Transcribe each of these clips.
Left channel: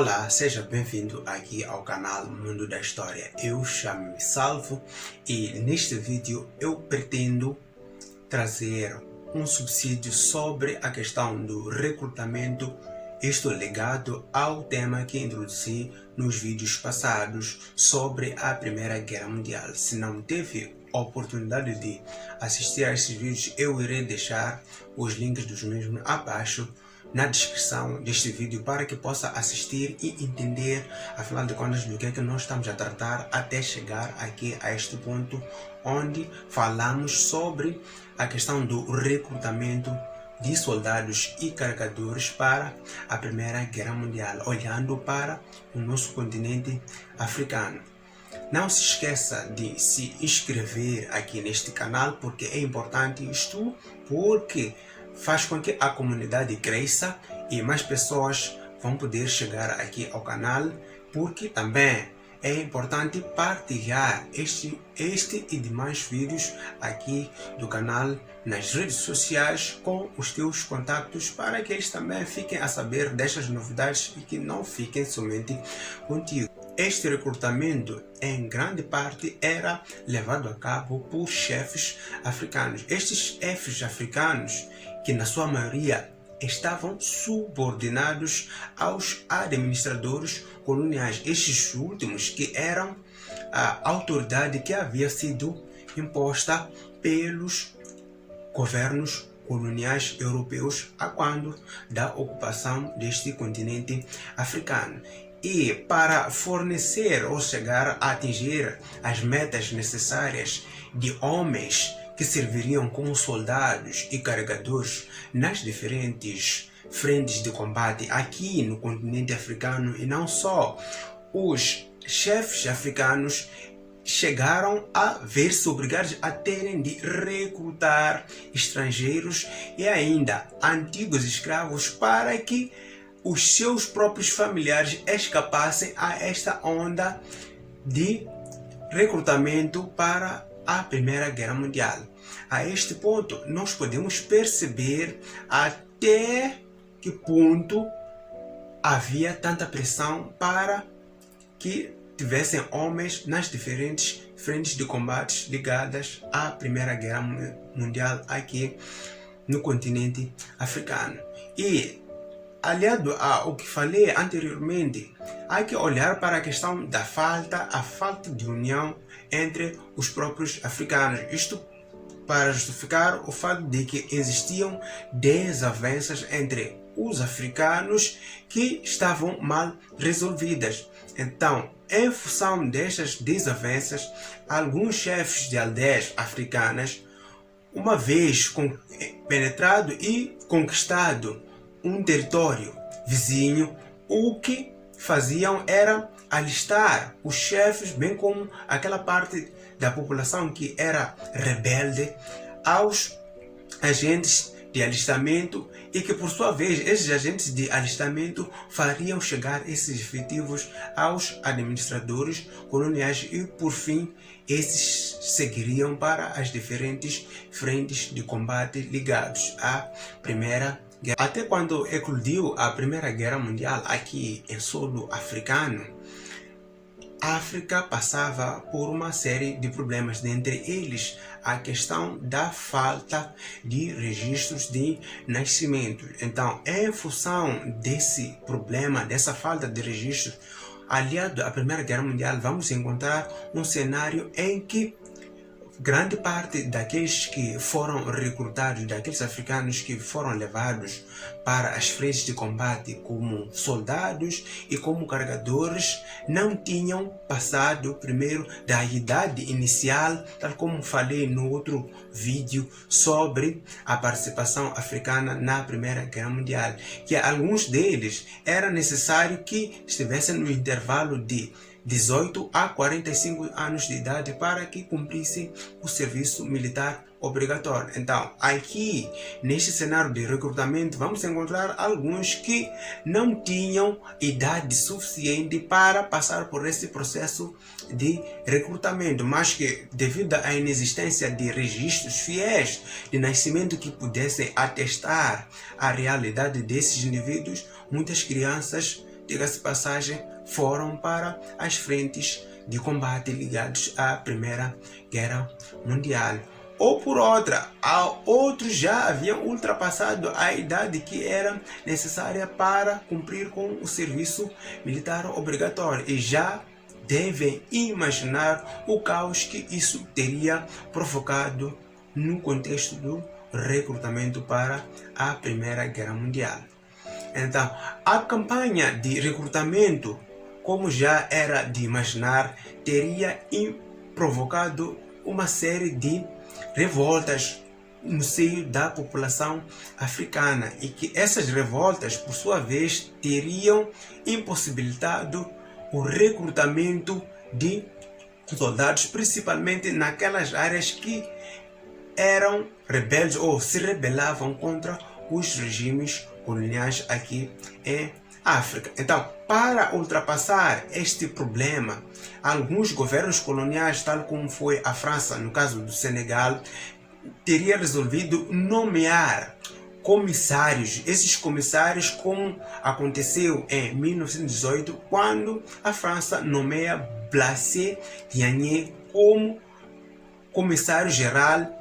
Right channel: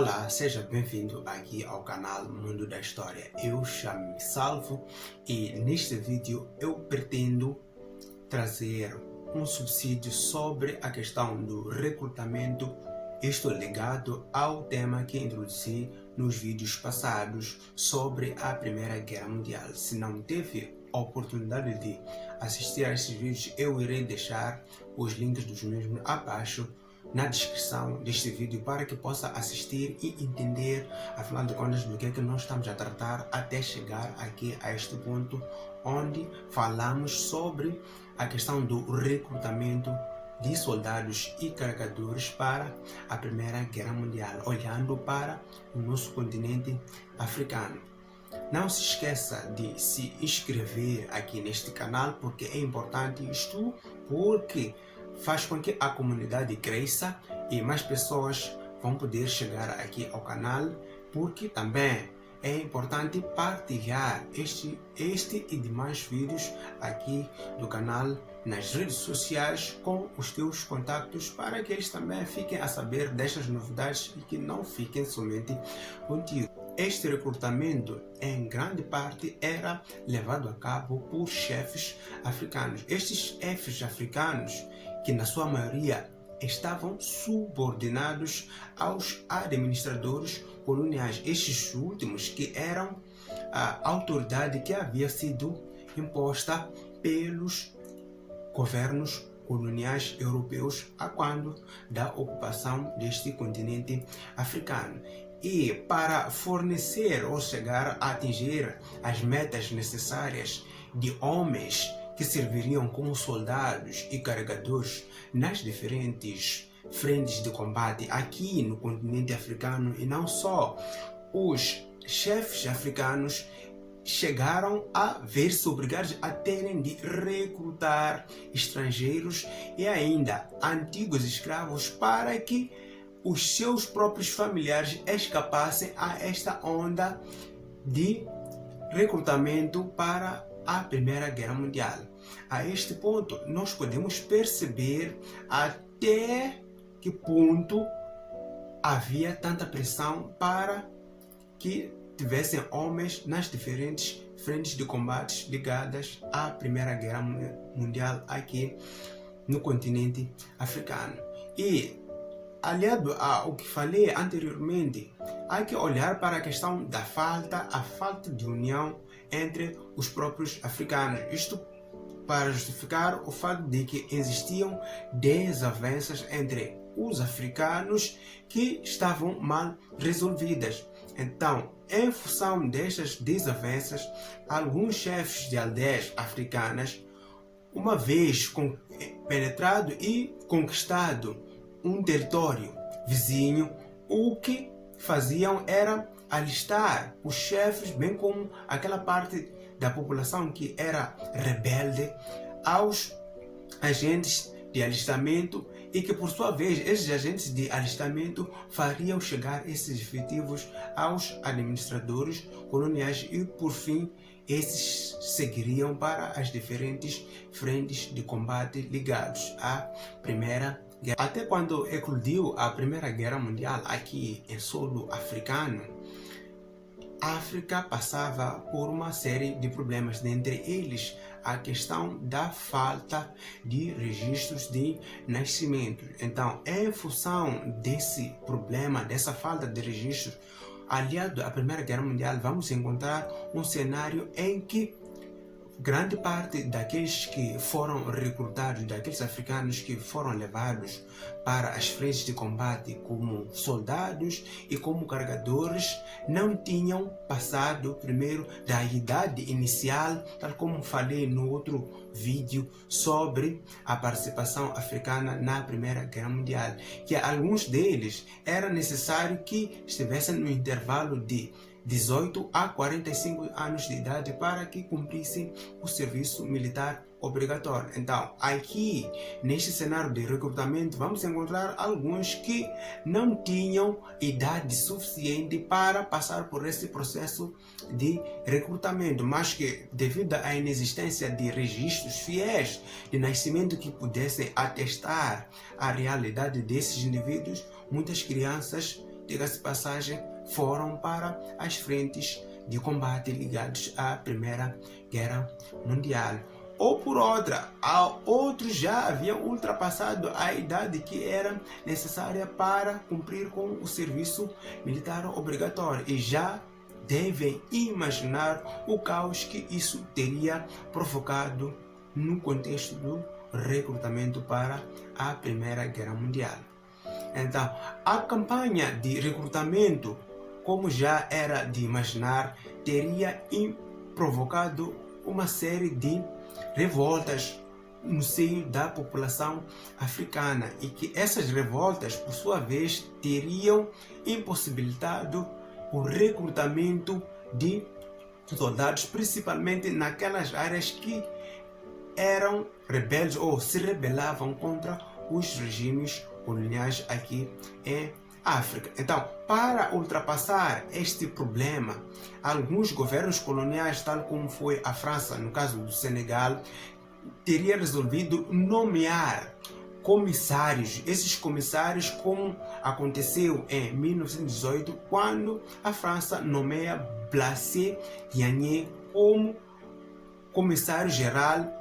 Olá, seja bem-vindo aqui ao canal Mundo da História. Eu chamo-me Salvo e neste vídeo eu pretendo trazer um subsídio sobre a questão do recrutamento, isto ligado ao tema que introduzi nos vídeos passados sobre a Primeira Guerra Mundial. Se não teve a oportunidade de assistir a esses vídeos, eu irei deixar os links dos mesmos abaixo na descrição deste vídeo para que possa assistir e entender, afinal de contas, do que é que nós estamos a tratar até chegar aqui a este ponto onde falamos sobre a questão do recrutamento de soldados e carregadores para a Primeira Guerra Mundial, olhando para o nosso continente africano. Não se esqueça de se inscrever aqui neste canal, porque é importante isto, porque faz com que a comunidade cresça e mais pessoas vão poder chegar aqui ao canal, porque também é importante partilhar este e demais vídeos aqui do canal nas redes sociais com os teus contactos, para que eles também fiquem a saber destas novidades e que não fiquem somente contigo. Este recrutamento, em grande parte, era levado a cabo por chefes africanos. Estes chefes africanos, que na sua maioria estavam subordinados aos administradores coloniais. Estes últimos que eram a autoridade que havia sido imposta pelos governos coloniais europeus a quando da ocupação deste continente africano. E para fornecer ou chegar a atingir as metas necessárias de homens que serviriam como soldados e carregadores nas diferentes frentes de combate aqui no continente africano, e não só, os chefes africanos chegaram a ver-se obrigados a terem de recrutar estrangeiros e ainda antigos escravos para que os seus próprios familiares escapassem a esta onda de recrutamento para a Primeira Guerra Mundial. A este ponto, nós podemos perceber até que ponto havia tanta pressão para que tivessem homens nas diferentes frentes de combates ligadas à Primeira Guerra Mundial aqui no continente africano. E aliado ao que falei anteriormente, há que olhar para a questão da falta de união entre os próprios africanos. Isto para justificar o fato de que existiam desavenças entre os africanos que estavam mal resolvidas. Então, em função destas desavenças, alguns chefes de aldeias africanas, uma vez penetrado e conquistado um território vizinho, o que faziam era alistar os chefes, bem como aquela parte da população que era rebelde, aos agentes de alistamento, e que por sua vez esses agentes de alistamento fariam chegar esses efetivos aos administradores coloniais e por fim esses seguiriam para as diferentes frentes de combate ligados à Primeira Guerra. Até quando eclodiu a Primeira Guerra Mundial aqui em solo africano, a África passava por uma série de problemas, dentre eles a questão da falta de registros de nascimento. Então, em função desse problema, dessa falta de registros, aliado à Primeira Guerra Mundial, vamos encontrar um cenário em que grande parte daqueles que foram recrutados, daqueles africanos que foram levados para as frentes de combate como soldados e como carregadores, não tinham passado primeiro da idade inicial, tal como falei no outro vídeo sobre a participação africana na Primeira Guerra Mundial, que alguns deles era necessário que estivessem no intervalo de 18 a 45 anos de idade para que cumprissem o serviço militar obrigatório. Então, aqui, neste cenário de recrutamento, vamos encontrar alguns que não tinham idade suficiente para passar por esse processo de recrutamento, mas que, devido à inexistência de registros fiéis de nascimento que pudessem atestar a realidade desses indivíduos, muitas crianças diga-se passagem, foram para as frentes de combate ligados à Primeira Guerra Mundial. Ou por outra, outros já haviam ultrapassado a idade que era necessária para cumprir com o serviço militar obrigatório e já devem imaginar o caos que isso teria provocado no contexto do recrutamento para a Primeira Guerra Mundial. Então, a campanha de recrutamento, como já era de imaginar, teria provocado uma série de revoltas no seio da população africana e que essas revoltas, por sua vez, teriam impossibilitado o recrutamento de soldados, principalmente naquelas áreas que eram rebeldes ou se rebelavam contra os regimes coloniais aqui em África. Então, para ultrapassar este problema, alguns governos coloniais, tal como foi a França, no caso do Senegal, teria resolvido nomear comissários. Esses comissários, como aconteceu em 1918, quando a França nomeia Blaise Diagne como comissário-geral,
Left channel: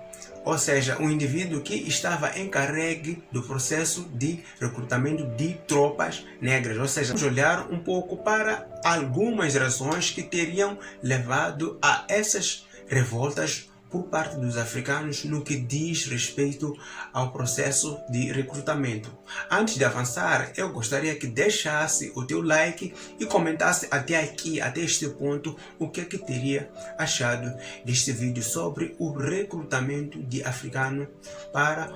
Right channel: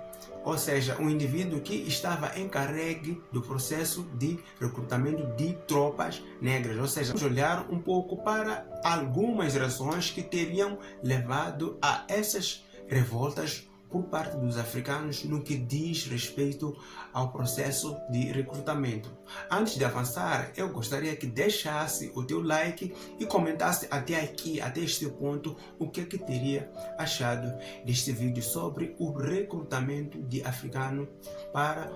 ou seja, um indivíduo que estava encarregue do processo de recrutamento de tropas negras. Ou seja, vamos olhar um pouco para algumas razões que teriam levado a essas revoltas por parte dos africanos no que diz respeito ao processo de recrutamento. Antes de avançar, eu gostaria que deixasse o teu like e comentasse até aqui, até este ponto, o que é que teria achado deste vídeo sobre o recrutamento de africanos para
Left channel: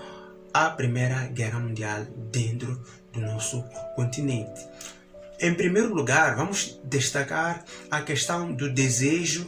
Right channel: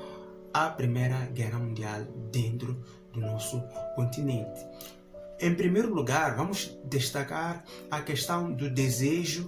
a Primeira Guerra Mundial dentro do nosso continente. Em primeiro lugar, vamos destacar a questão do desejo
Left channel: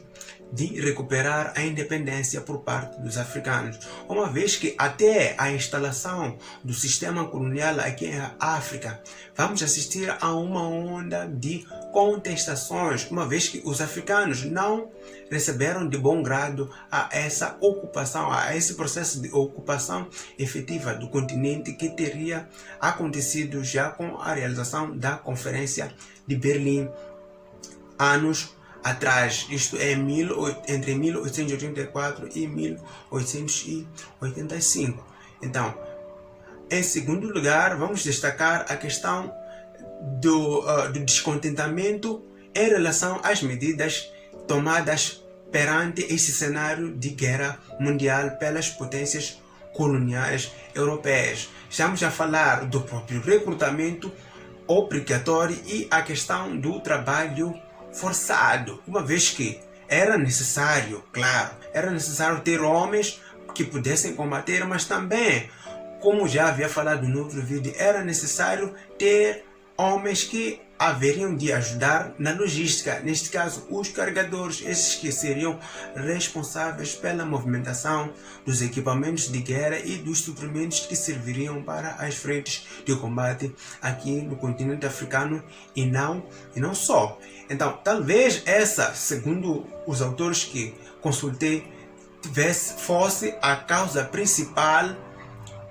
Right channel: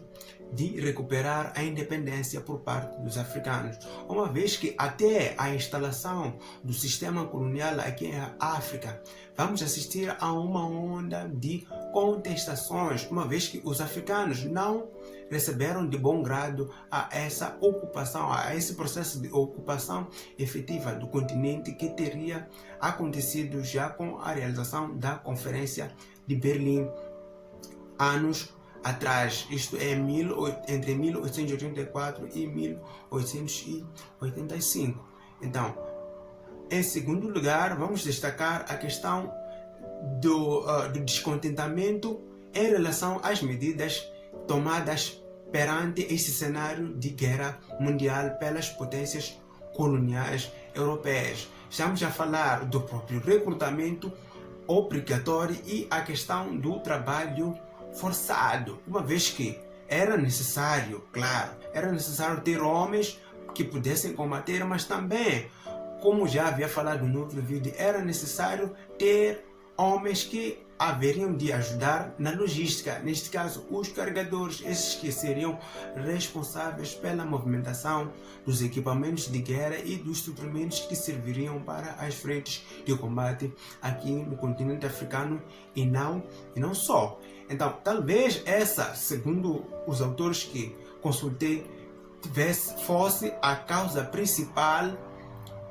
de recuperar a independência por parte dos africanos, uma vez que até a instalação do sistema colonial aqui em África, vamos assistir a uma onda de contestações, uma vez que os africanos não receberam de bom grado a essa ocupação, a esse processo de ocupação efetiva do continente que teria acontecido já com a realização da Conferência de Berlim, anos atrás, isto é entre 1884 e 1885. Então, em segundo lugar, vamos destacar a questão do descontentamento em relação às medidas tomadas perante este cenário de guerra mundial pelas potências coloniais europeias. Estamos a falar do próprio recrutamento obrigatório e a questão do trabalho forçado, uma vez que era necessário, claro, era necessário ter homens que pudessem combater, mas também, como já havia falado no outro vídeo, era necessário ter homens que haveriam de ajudar na logística, neste caso os carregadores, esses que seriam responsáveis pela movimentação dos equipamentos de guerra e dos suprimentos que serviriam para as frentes de combate aqui no continente africano e não só. Então, talvez essa, segundo os autores que consultei, fosse a causa principal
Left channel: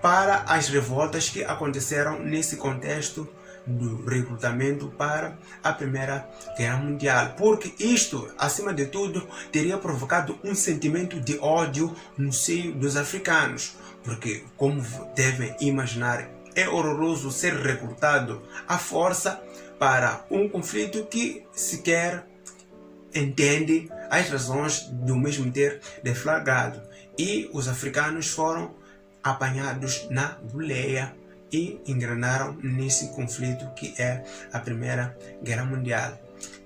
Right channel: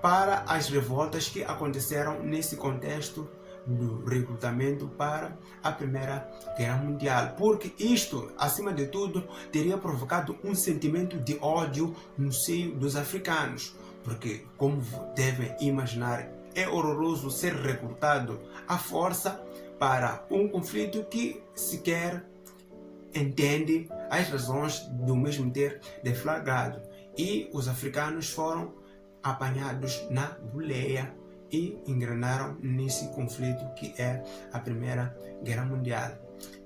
para as revoltas que aconteceram nesse contexto do recrutamento para a Primeira Guerra Mundial, porque isto, acima de tudo, teria provocado um sentimento de ódio no seio dos africanos, porque, como devem imaginar, é horroroso ser recrutado à força para um conflito que sequer entende as razões do mesmo ter deflagrado, e os africanos foram apanhados na boleia e engrenaram nesse conflito que é a Primeira Guerra Mundial.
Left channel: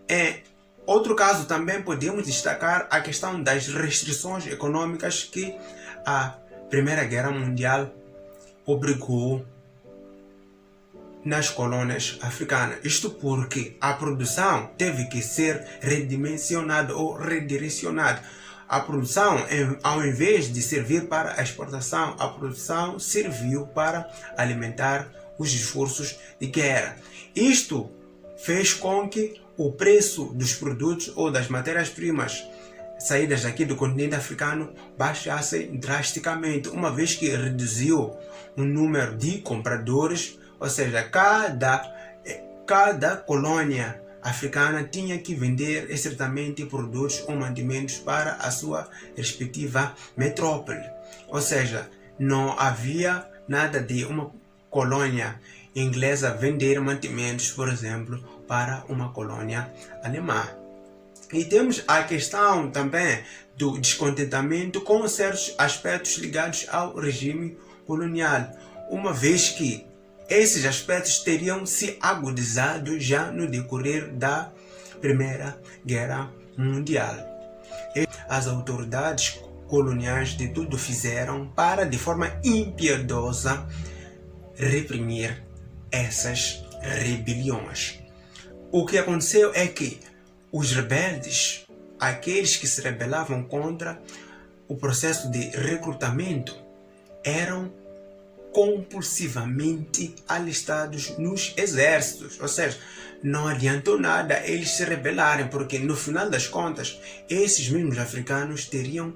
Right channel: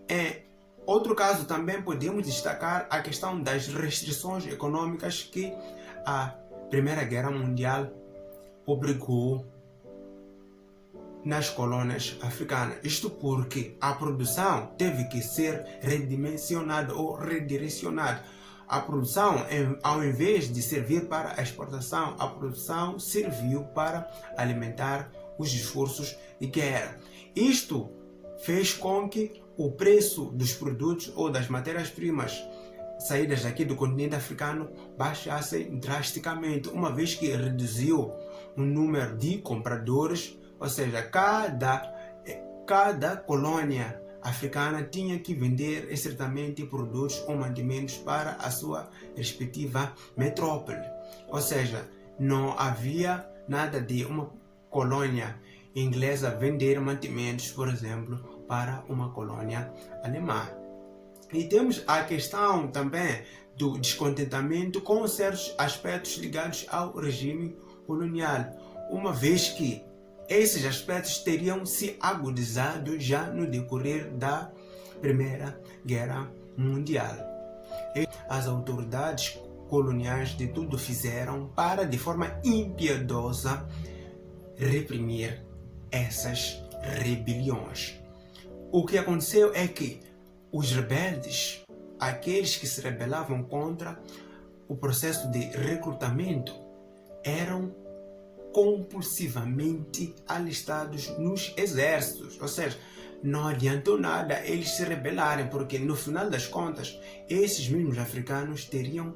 Em outro caso, também podemos destacar a questão das restrições econômicas que a Primeira Guerra Mundial obrigou nas colônias africanas. Isto porque a produção teve que ser redimensionada ou redirecionada. A produção, ao invés de servir para a exportação, a produção serviu para alimentar os esforços de guerra. Isto fez com que o preço dos produtos ou das matérias-primas saídas daqui do continente africano baixasse drasticamente, uma vez que reduziu o número de compradores, ou seja, cada cada colônia africana tinha que vender estritamente produtos ou mantimentos para a sua respectiva metrópole. Ou seja, não havia nada de uma colônia inglesa vender mantimentos, por exemplo, para uma colônia alemã. E temos a questão também do descontentamento com certos aspectos ligados ao regime colonial, uma vez que esses aspectos teriam se agudizado já no decorrer da Primeira Guerra Mundial. As autoridades coloniais de tudo fizeram para, de forma impiedosa, reprimir essas rebeliões. O que aconteceu é que os rebeldes, aqueles que se rebelavam contra o processo de recrutamento, eram compulsivamente alistados nos exércitos. Ou seja, não adiantou nada eles se rebelarem, porque no final das contas, esses mesmos africanos teriam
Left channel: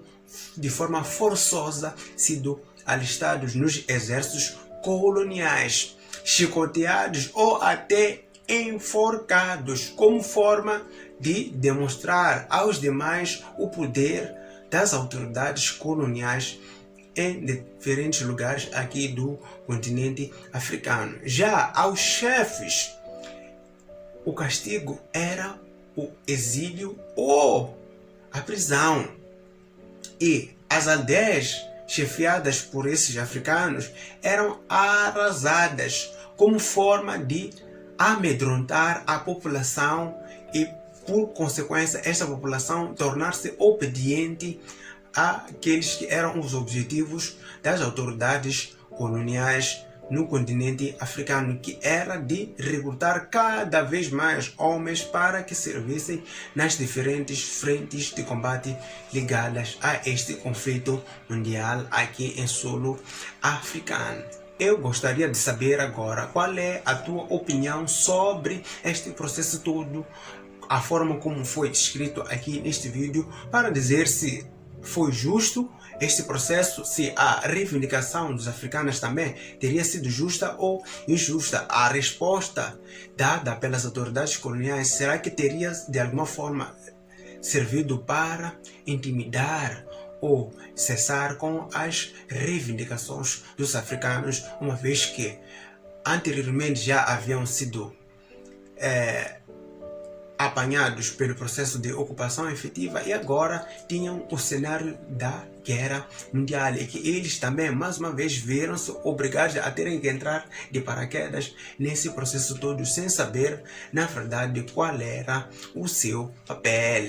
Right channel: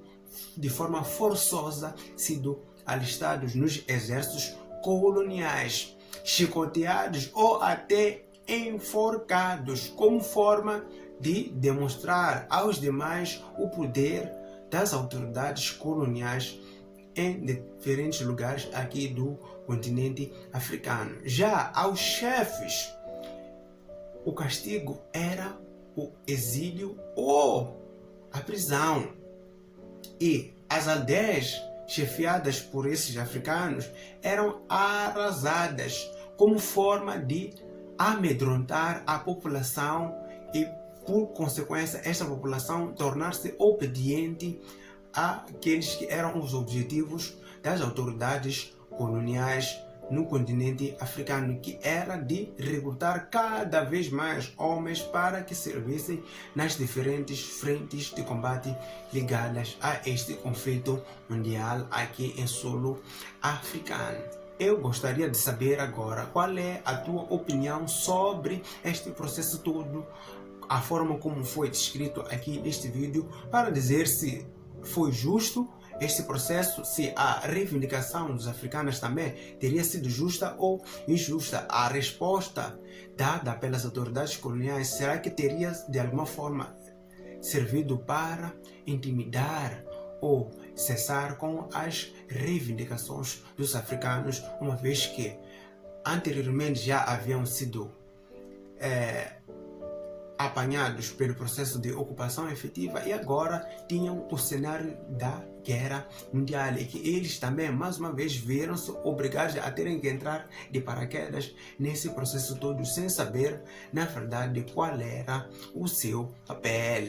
de forma forçosa sido alistados nos exércitos coloniais, chicoteados ou até enforcados, como forma de demonstrar aos demais o poder das autoridades coloniais em diferentes lugares aqui do continente africano. Já aos chefes, o castigo era o exílio ou a prisão. E as aldeias chefiadas por esses africanos eram arrasadas como forma de amedrontar a população e, por consequência, esta população tornar-se obediente àqueles que eram os objetivos das autoridades coloniais no continente africano, que era de recrutar cada vez mais homens para que servissem nas diferentes frentes de combate ligadas a este conflito mundial aqui em solo africano. Eu gostaria de saber agora qual é a tua opinião sobre este processo todo, a forma como foi descrito aqui neste vídeo, para dizer se foi justo este processo, se a reivindicação dos africanos também teria sido justa ou injusta. A resposta dada pelas autoridades coloniais, será que teria de alguma forma servido para intimidar ou cessar com as reivindicações dos africanos, uma vez que anteriormente já haviam sido apanhados pelo processo de ocupação efetiva e agora tinham o cenário da guerra mundial, e que eles também mais uma vez viram-se obrigados a terem que entrar de paraquedas nesse processo todo sem saber na verdade qual era o seu papel.